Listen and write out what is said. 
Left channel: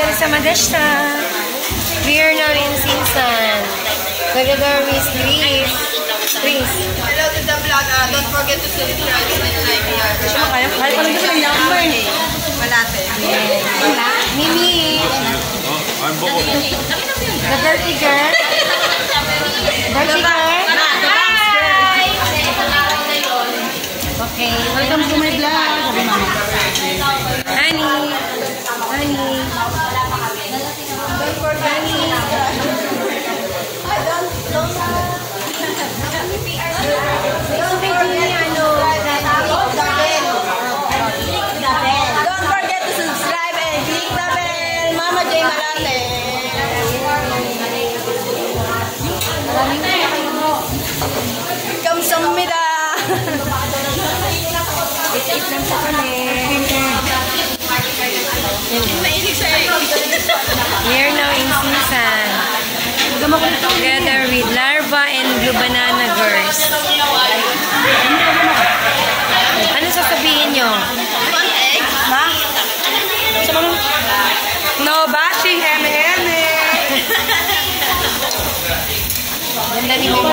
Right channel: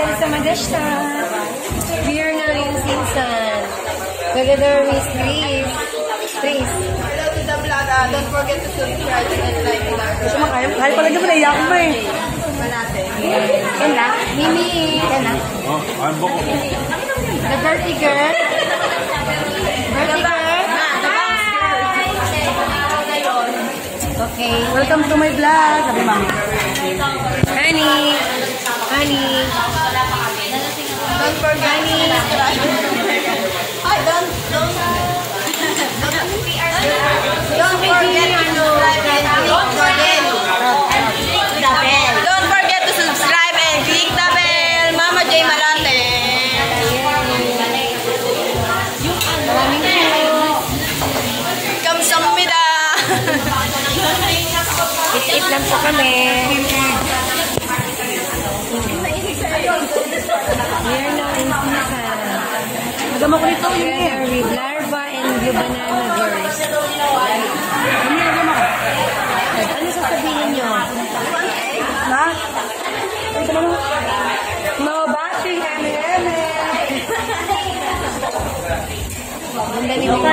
kami sa Madashta. We are now in season. Together with Please. Hello to the vlog. Don't forget to subscribe and like vlog. Kaya pala nyo kaya ako eh. Malate. Mimi. The dirty girl. Dirty girl. Hi! Okay. Welcome to my vlog. Sabi mama. Honey. Don't forget to subscribe. Don't forget to subscribe and click the bell. Don't forget to subscribe and click the bell. Mama J Malate. Kamsahamnida. Eat lang po kami. We are now in season. Together with Larva and Blue Banana Girls. Ano sasabihin nyo? No bashing, eme. Ganda ni Mama.